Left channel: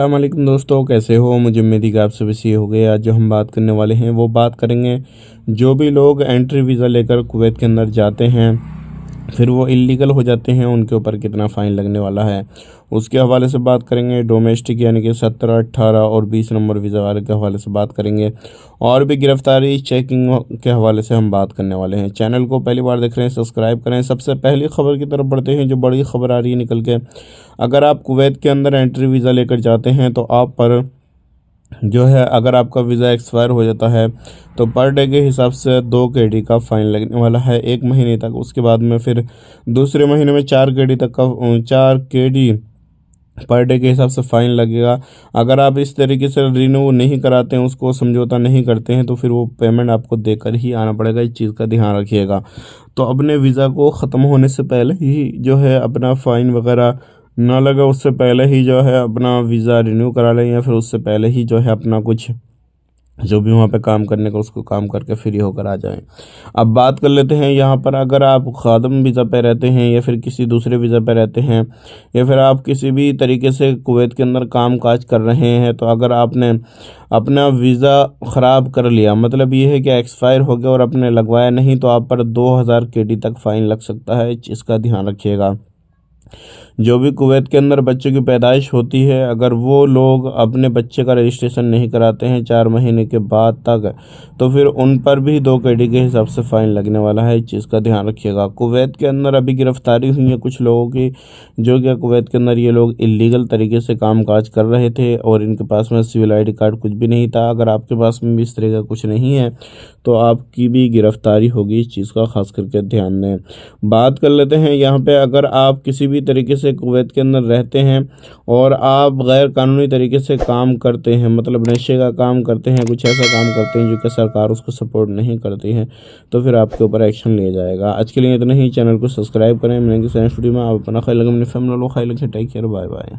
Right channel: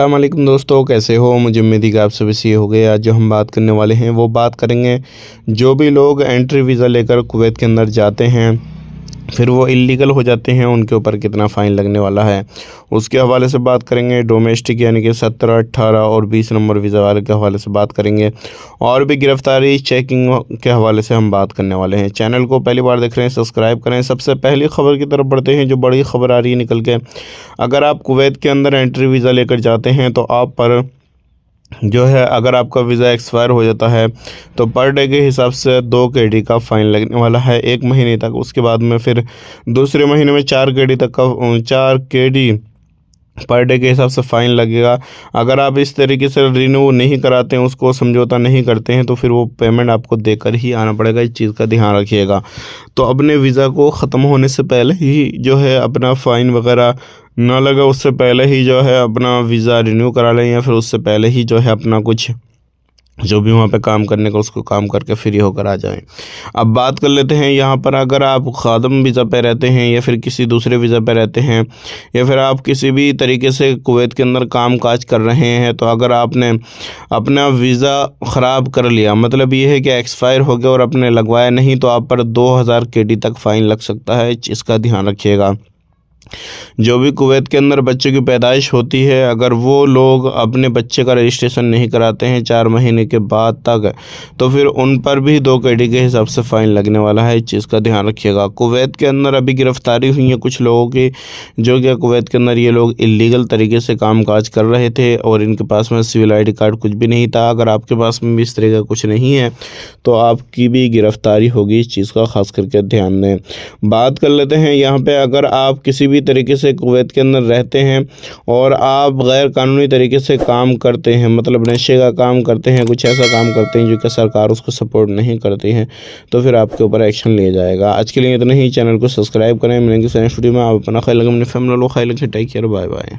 अस्सलामुअलैकुम दोस्तों, कैसे हो। मुझे उम्मीद है कि आप सभी से हो गए। आज जो हम बात करने वाले हैं वो बात करेंगे, जो भी लोग एंट्री वीज़ा लेकर कुवैत के अंदर जाते हैं फिर वो इलीगल हो जाते हैं, उनके ऊपर कितना फ़ाइन लगने वाला है उसके हवाले से बात करेंगे। डोमेस्टिक यानी कि 17, 18 और 20 नंबर वीज़ा वाले के हवाले से बात करेंगे, और भी गिरफ्तारी चेकिंग के हवाले से हम बात करने वाले हैं। चैनल को पहली बार देख रहे हैं, सब्सक्राइब करें। सबसे पहली खबर की तरफ बढ़ते हैं, जो बड़ी खबर आ रही है निकल के। अगर आप कुवैत के अंदर एंट्री वीज़ा लेकर जाते हैं तो आप पर जो है, अगर आपका वीज़ा एक्सपायर हो जाता है तो पर डे के हिसाब से 2 केडी का फ़ाइन लगने वाला है 1 महीने तक। उसके बाद में फिर दूसरे महीने में 4 केडी तक का 4 केडी पर डे के हिसाब से फ़ाइन लगेगा। अगर आप इस तरीके से रिन्यू नहीं कराते हैं, उसको समझौता नहीं करते हैं, तो फिर वो पेमेंट आपको देकर ही आना पड़ेगा। इस चीज़ का ध्यान रखिएगा। तो अपने वीज़ा को ख़त्म होने से पहले ही जो है अपना फ़ाइन वगैरह ना लगे, उससे पहले ही जो है अपना वीज़ा रिन्यू करा लें, या फिर उससे पहले ही जो है अपना कुछ जो भी वहाँ पे काम करने का उसको काम करके फ्री होकर आ जाएं। अब बात कर लेते हैं यहाँ पर, अगर आप खादम वीज़ा पे रहते हैं या फिर किसी दूसरे वीज़ा पे रहते हैं, या फिर आप किसी भी तरीके से कुवैत के अंदर काम काज कर रहे हैं, तो अगर आपने अपना वीज़ा ख़राब कर लिया, मतलब ये है कि एक्सपायर हो गया और आपने लगवाया नहीं, तो आप पर 2000 केडी तक फ़ाइन लग सकता है। इसका ध्यान रखिएगा। जो भी कुवैत के अंदर बच्चे की पैदाइश होती है, अगर वो लोग अपने बच्चे का रजिस्ट्रेशन नहीं कराते हैं 4 महीने के बाद तक, तो फिर उन पर भी 2 केडी के हिसाब से फ़ाइन लगने वाला है। इस चीज़ का ध्यान रखिएगा। कुवैत के अंदर अभी गिरफ्तारी हुई है कुछ लोगों की, जो कि कुवैत के अंदर ये लोग इलीगल तरीके से काम काज कर रहे थे और इनके पास में सिविल ID कार्ड कुछ भी नहीं था। अगर आपके पास में भी इस तरह का कुछ नहीं है तो आपकी भी गिरफ्तारी होगी। इस चीज़ का खास करके ध्यान दें। बात कर लेते हैं यहाँ पे, अगर आप किसी भी तरीके से कुवैत के अंदर रहते हैं और आप गैर कानूनी तरीके से काम करते हैं, मतलब नशे का काम करते हैं, कुछ ऐसा काम करते हैं जो कि सरकार उसको सपोर्ट नहीं करती है, तो फिर आपके ऊपर एक्शन लिया जाएगा। आज के लिए इतना ही। चैनल को सब्सक्राइब करें। मिलेंगे नेक्स्ट वीडियो में। आप अपना ख्याल रखें, अपनी फैमिली को ख्याल रखें। Take care, bye bye.